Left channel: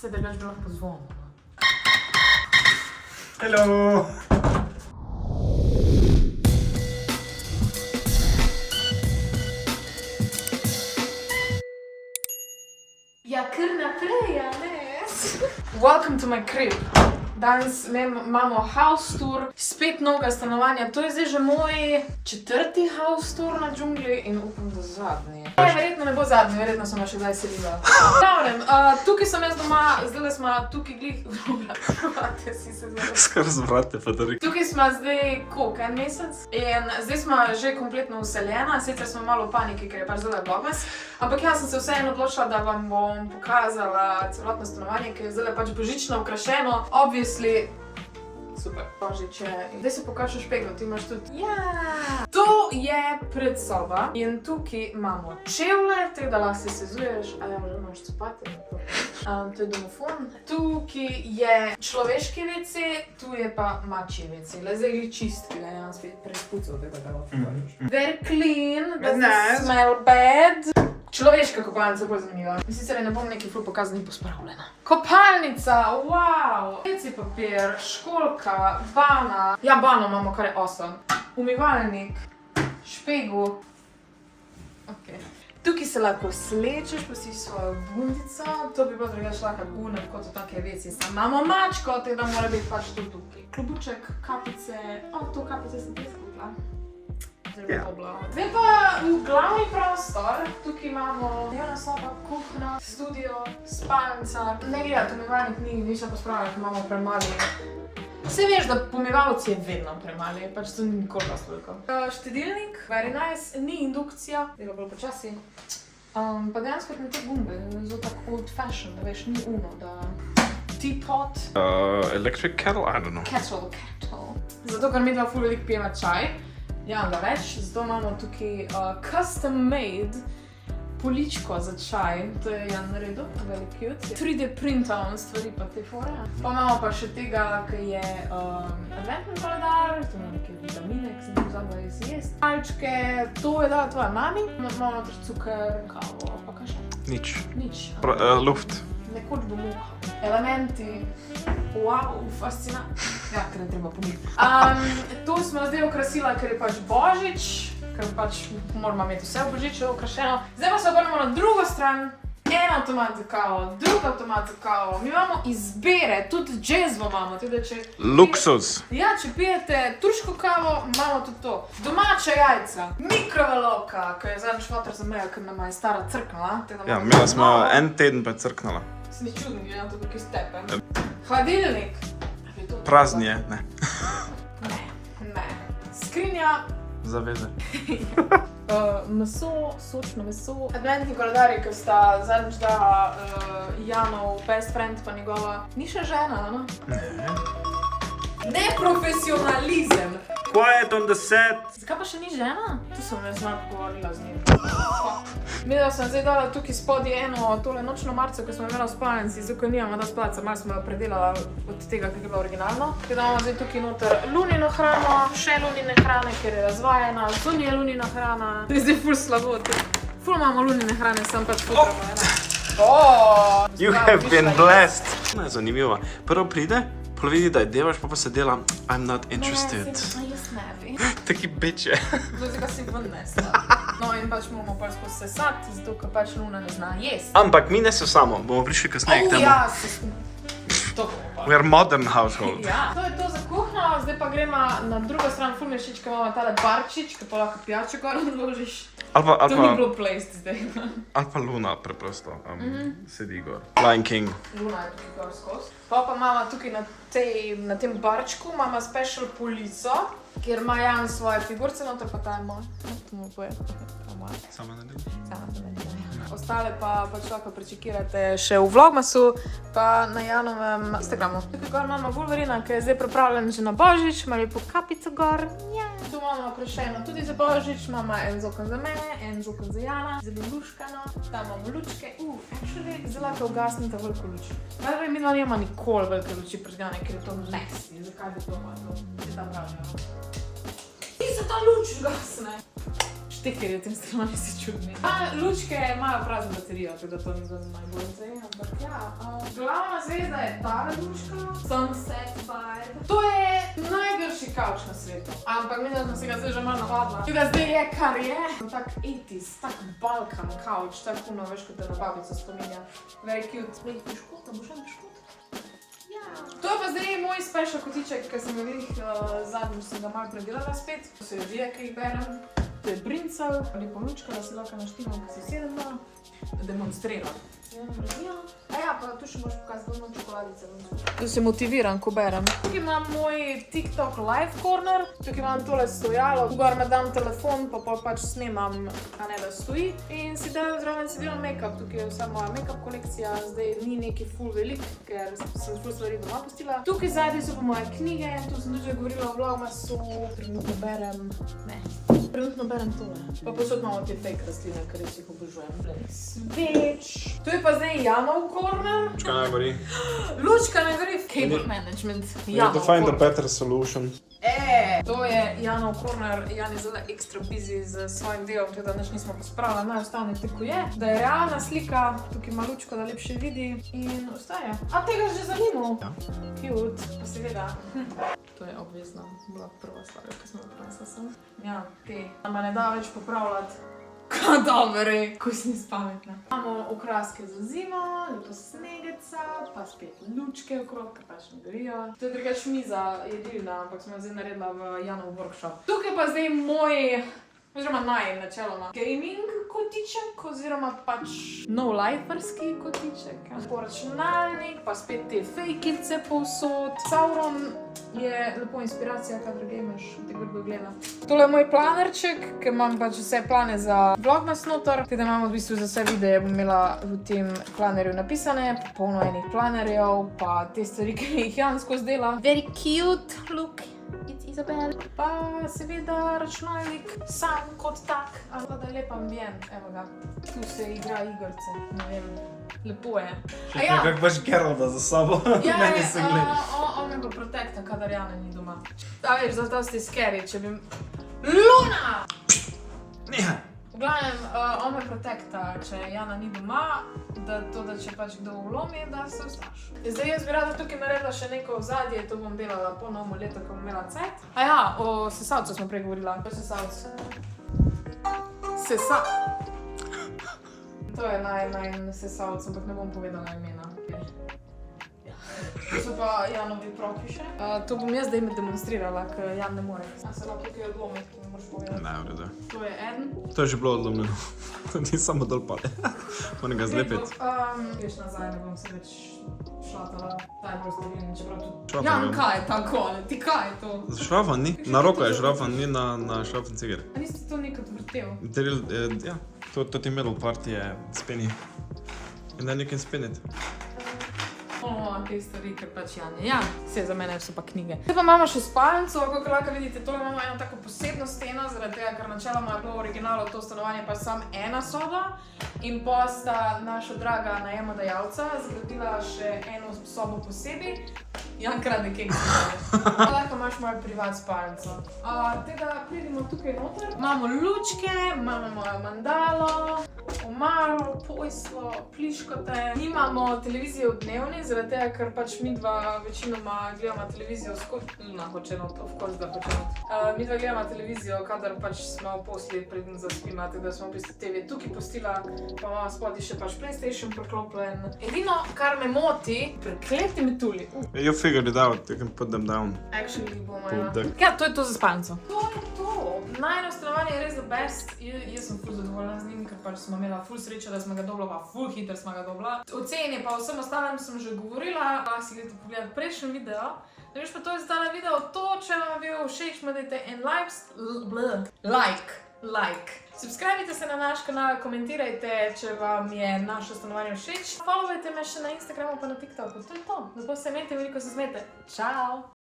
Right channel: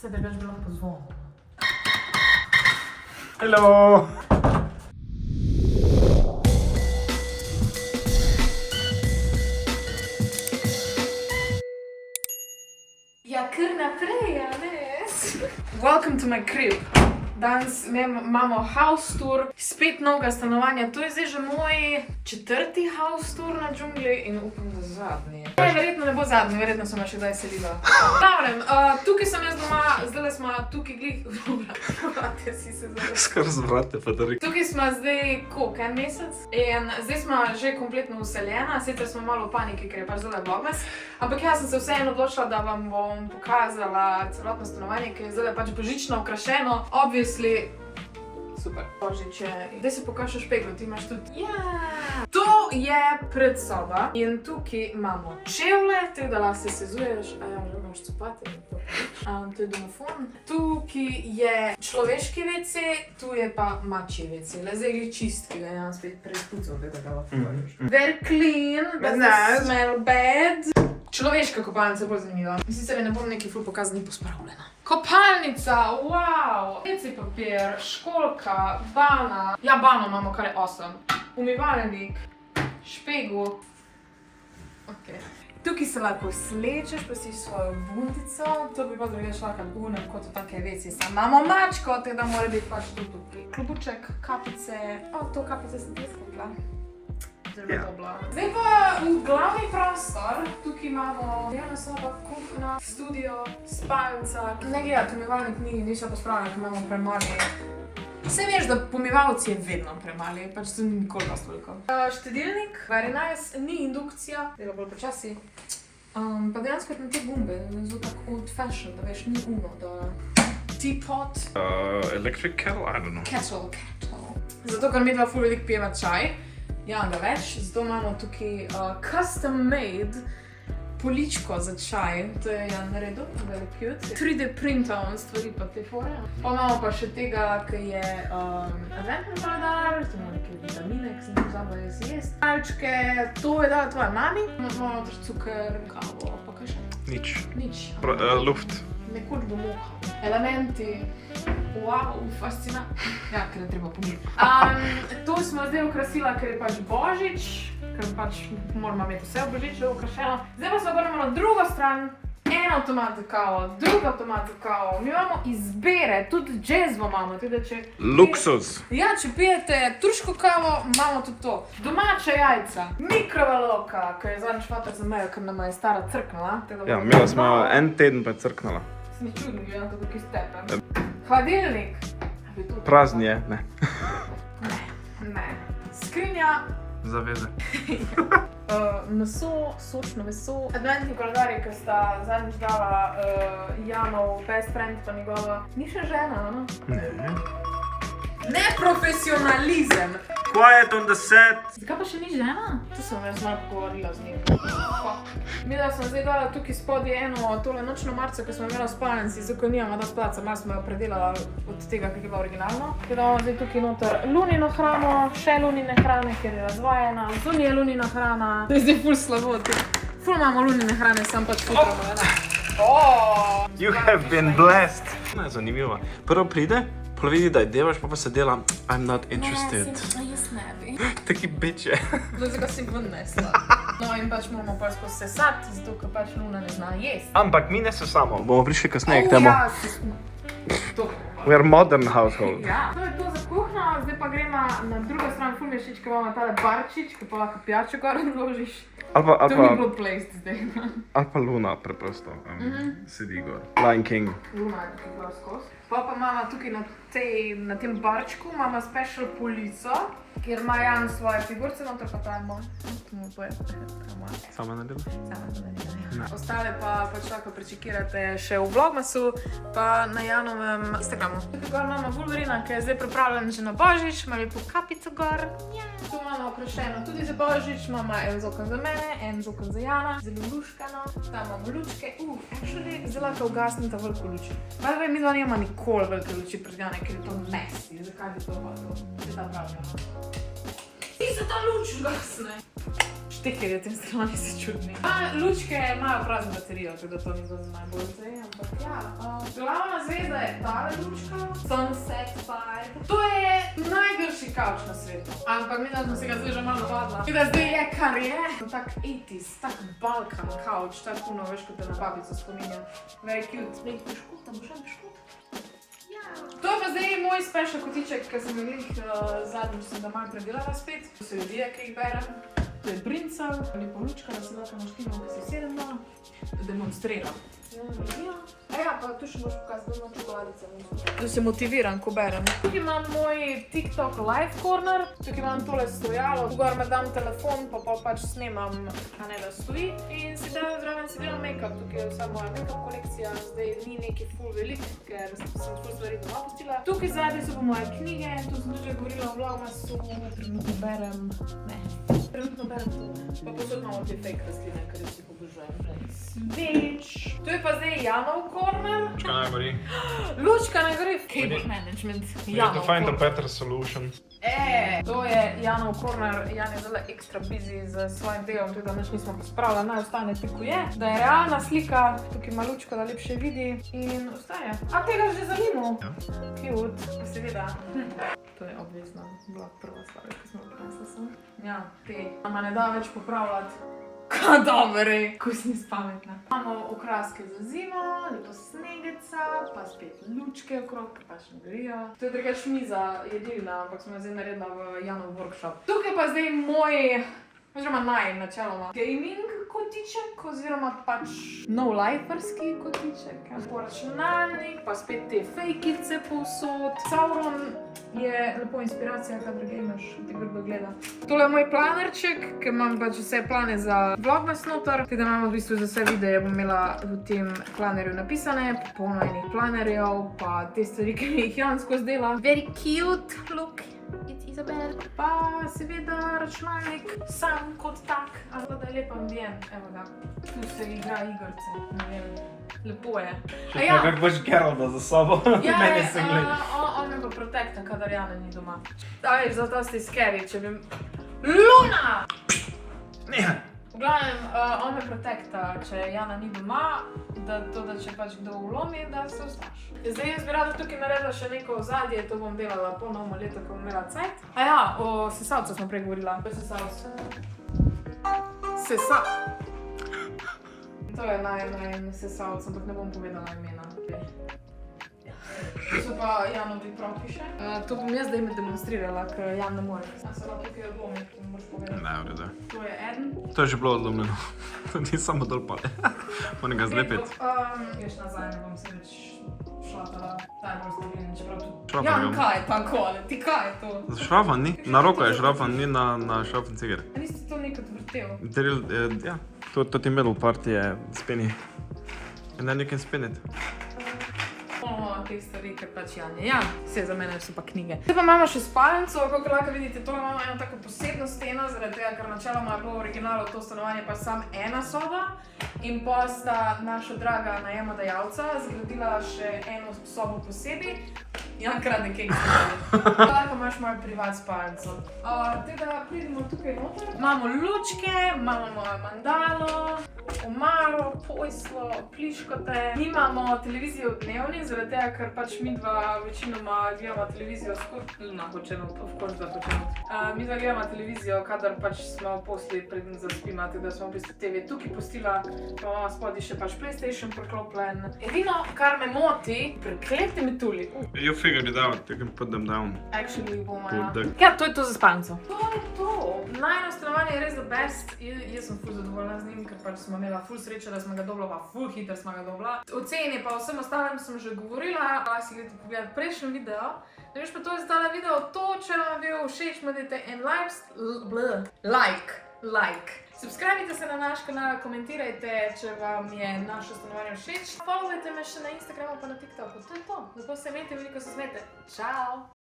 Sebe bi lahko pozvonil. Hello! Ja, kar naprej, a ne? Welcome to my crib. Danes imamo house tour, spet novega stanovanja. To je zdaj že moj 4. house tour na džungli in upam, da zadnji. Verjetno ne bo zadnji, verjetno sem še kdaj selila. Pravim, tukaj sem jaz doma, zdaj smo tukaj glih... Vratja si se zdaj. Skar zvrate, pa da rekel. Tukaj smo zdaj koliko, en mesec in zdaj smo že kompletno useljena, sicer smo malo v paniki, ker je pač zdaj dogmas, ampak jaz sem se vseeno odločila, da vam bom pokazala celotno stanovanje, ker je zdaj pač božično okrašeno, obviously. Super. Božič je. Zdaj se pokaže špeglo, ti imaš tudi. To je predsoba in tukaj imamo čevlje, tako da lahko se sezuješ, a ja, že imaš copate. To je domofon. Tukaj je človeški WC, tu je pa mačji WC. Zdaj gre čistki, da imam spet preizpucal, da ga lahko povodiš. Very clean, doesn't smell bad. Človeška kopalnica je bolj zanimiva. In sicer ne bom nekaj ful pokazala, ni pospravljena. Kopalnica, wow! WC papir, školjka, bana. Ja, bano imamo, kar je awesome. Umivalnik, špegel. Ok. Tukaj se lahko slečeš, pa si svojo bundico. To bi pa drugače lahko gune, kot v take WC. Imamo mačko, tako da mora biti pač to tukaj. Klobuček, kapice. To kapice sem tudi skupila. Zdaj pa v glavni prostor, tukaj imamo dnevna soba, kuhna, studio, spalnica. Ne gledati, umivalnik ni še pospravljeno, ker imamo premali. Vse veš, da pomivalci je vedno premali, pač to ni nikoli dosti veliko. Štedilnik, very nice, ni indukcija, dela bolj počasi. Pa dejansko na te gumbe, zelo tako old fashion, da veš, ni uno, da... Teapot. Electric kettle? I don't know. Kettle. Zato, ker mi dva ful veliko pijeva čaj. Ja, da več, zato imamo tukaj custom made poličko za čaj, to je Jan naredil, very cute. 3D printovan stvari pa te fore. Pa imamo pa še tega, ki je adventni koledar, to imamo nekaj vitamine, ki sem to pozabila jaz jest. Malčke, to je dala tvoja mami, imamo tudi cukor, kavo, pa kaj še? Nič. Nič. Luft. Nekoč bo muha. Elementi, wow, fascinant. Ja, ker ne treba pomiti. To smo zdaj okrasila, ker je pač Božič, ker pač moramo imeti vse v Božiču okrašeno. Zdaj pa se obrnemo na drugo stran. En avtomat za kavo, drug avtomat za kavo. Mi imamo izbere, tudi džezvo imamo. Luksuz. Ja, če pijete turško kavo, imamo tudi to. Domača jajca, mikrovalovka, ki je zadnjič fotor za mejo, ker nama je stara crknila. Ja, imela smo en teden pa crknala. Se ni čudno, gledam to, kakaj stepe. Hladilnik. Prazni je, ne. Ne. Skrinja. Zaveze. Meso, sočno meso. Adventni koledarji, ki sta zadnjič dala Janov best friend pa njegova. Ni še žena, no? Ne. Neprofesionalizem. Quiet on the set. Zakaj pa še ni žena? To sem jaz malo pogovorila z njim. Midva sem zdaj dala tukaj spodje eno tole nočno marco, ki smo imela v spalnici, zato nimamo dosti placa, malo smo jo predelala od tega, ki je bila originalno. Tako da imamo zdaj tukaj noter lunino hrano, še lunine hrane, ker je razvajena, zunaj je lunina hrana. To je zdaj ful slabo. Ful imamo lunine hrane, sem pač futramo, ena. You have been blessed. Zanimivo. Prvo pride, pol vidi, da je devaš, pa se dela I'm not interested. No, jaz ne bi. Taki biče. Zdaj ga si ven nesla. No in pač moramo pač posesati, zato ker pač Luna ne zna jesti. Ampak mi ne sesamo, bomo prišli kasneje k temu. Ja, si smo. We are modern household. Ja, to je to za kuhno, zdaj pa gremo na drugo stran, ful mi je všeč, ko imamo tale barčič, ki pa lahko pijačo gor odložiš. To ni bilo placed zdaj. Ali pa Luna preprosto sedi gor. Lion King. Luna je tukaj gor skozi. Pa imamo tukaj na tem barčku, imamo special polico, kjer ima Jan svoje figurce, noter pa ta je moj. To mu poje, ta moja. Sama ne dela? Sama to ne dela. Ostale pa pač lahko prečekirate še v Vlogmasu, pa na Janovem Instagramu. Tukaj gor imamo Wolverina, ki je zdaj pripravljen že na Božič, ima lepo kapico gor. Tu imamo okrašeno tudi za Božič, imamo en zokon za mene, en zokon za Jana, zelo luškano. Tam imamo lučke, actually, zelo lahko ugasnite veliko luč. Najprej mi dva nima nikoli velike luči prižgane, ker je to messy. Zakaj bi to malo? Je ta pravda. Ti se ta luč ugasne. štekerje, tem strani so čudni. Lučke imajo prazno baterijo, tako da to ni zelo najbolj zdaj, ampak ja. Glavna zvezda je ta lučka, Sunset Fire. To je najgrši kavč na svetu, ampak mislim, da sem se ga zdaj že malo navadila. Tako da zdaj je, kar je. Tak 80s, tak Balkan kavč, tak puno, veš, kot te na babico spominja. Very cute. Nekaj piškot, da bo še en piškot? To je pa zdaj moj special kotiček, ker sem zadnjič sem ga malo predelala spet. To so revije, ki jih berem. To je brincal, lepo lučka, da se lahko naštimam, ki se sedem demonstriram. Ja, pa tu še moraš pokazati doma čokoladice. Tu se motiviram, ko berem. Tukaj imam moj TikTok live corner, tukaj imam tole stojalo, gor me dam telefon, pa pač snemam, a ne da stoji. In si zraven si delam make-up, tukaj je vsa moja make-up kolekcija, zdaj ni neki ful velik, ker sem ful stvari doma pustila. Tukaj zadnji so pa moje knjige, tu sem tudi govorila o Vlogmasu, trenutno berem tole. Pa posod imamo te fake rastline, ker jih obožujem. Sveč. To je pa zdaj Janov corner. Lučka naj gori. Lučka naj gori. Cable management. We need to find a better solution. To je Janov corner. Jan je zelo ekstra busy z svojim delom, tako da nič nismo pospravili, naj ostane tako je. Da je realna slika, tukaj ima Lučka, da lepše vidi in ostaje. A tega že zanimal? Ja. Cute, pa seveda. To je obvezno, bila prva stvar, ko smo prinesla sem. Ja, te nama ne da več popravljati. Kadavere, ko si nis pametna. Imamo okraske za zimo, lepo snegeca, pa spet lučke okrog, ki pač ne gorijo. To je drugač miza jedilna, ampak smo jo zdaj naredila v Janov workshop. Tukaj pa zdaj moj, oziroma načeloma, gaming kotiček, oziroma pač no-liferski kotiček. Računalnik, pa spet te fejkice povsod. Sauron je lepo inspiracija, kadar gameš, ti grdo gleda. Tole je moj planerček, ker imam pač vse plane za Vlogmas noter, da imamo v bistvu za vse videe, bom imela v tem planerju napisane, polno enih planerjev, pa te stvari, ki mi jih Jan skozi dela. Very cute, look. Izabel. Pa seveda računalnik, sam kot tak, ampak da je lep ambient, evo ga. Tu se igra igrce, ne vem, lepo je. Kak baš Geralda za sabo, meni se gleda. On me bo protekta, kadar Jana ni doma. Veš, zato ste scary, če bi... Luna! Nehaj! V glavnem, on me protekta, če Jana ni doma, da če pač kdo vlomi, da se ostaš. Zdaj jaz bi rada tukaj naredila še neko ozadje, to bom delala po novo leto, ko bom imela cajt. O sesalcu smo prej govorila. To je sesalc. To je najmanj sesalc, ampak ne bom povedala imena. To so pa Janovi proki še. To bom jaz zdaj demonstrirala, ker Jan ne more. Ja se lahko tukaj odlomi, ki ne moraš povedati. Ne, v redu. To je eden. To je že bilo odlomljeno. To ni samo dol pade. Moram ga zlepiti. Greš nazaj, ne bom se več šlatala. Daj bolj stabilni, čeprav tudi... Šrafan Jan, ga bom. kaj je tako? Ti kaj je to? Šrafan ni? Na roko je šrafan, ni na šrafan cigar. A niste to nekaj vrtel? Ja, to ti middle part je spinny. And then you can spin it. Te stvari, ker pač Jan je Jan. Vse za mene so pa knjige. Zdaj pa imamo še spalnico, kako lahko vidite, tole imamo eno tako posebno steno, zaradi tega, ker načeloma je bilo v originalu to stanovanje pa sam ena soba. In pa sta naša draga najemodajalca zgradila še eno sobo posebej. Jan krade kekse. Lahko imaš mojo privat spalnico. Tega pridemo tukaj noter. Imamo lučke, imamo mojo mandalo, omaro, pojslo, pliškote. Nimamo televizijo v dnevni, zaradi tega, ker pač midva večinoma gledamo televizijo midva gledamo televizijo, kadar pač smo posli preden zaspima, tako da smo v bistvu TV tukaj pustila, pa imamo spodaj še pač PlayStation priklopljen. Edino, kar me moti, prekleti metulji. You figured it out, you can put them down. Actually, bomo, Put ja, to je to za spalnico. To je to. Najno stanovanje je res the best. Jaz sem ful zadovoljna z njim, ker pač smo imela ful srečo, da smo ga dobila, pa ful hiter smo ga dobila. O ceni pa vsem ostalim sem že govorila, lahko si gledate pogledati prejšnji video. Da veš pa to je zdala video, to če vam je bil všeč, dajte en like. Subscribite se na naš kanal, komentirajte, če vam je naše stanovanje všeč. Followajte me še na Instagramu pa na TikToku, to je to. Zato se imejte veliko, se smete. Čau!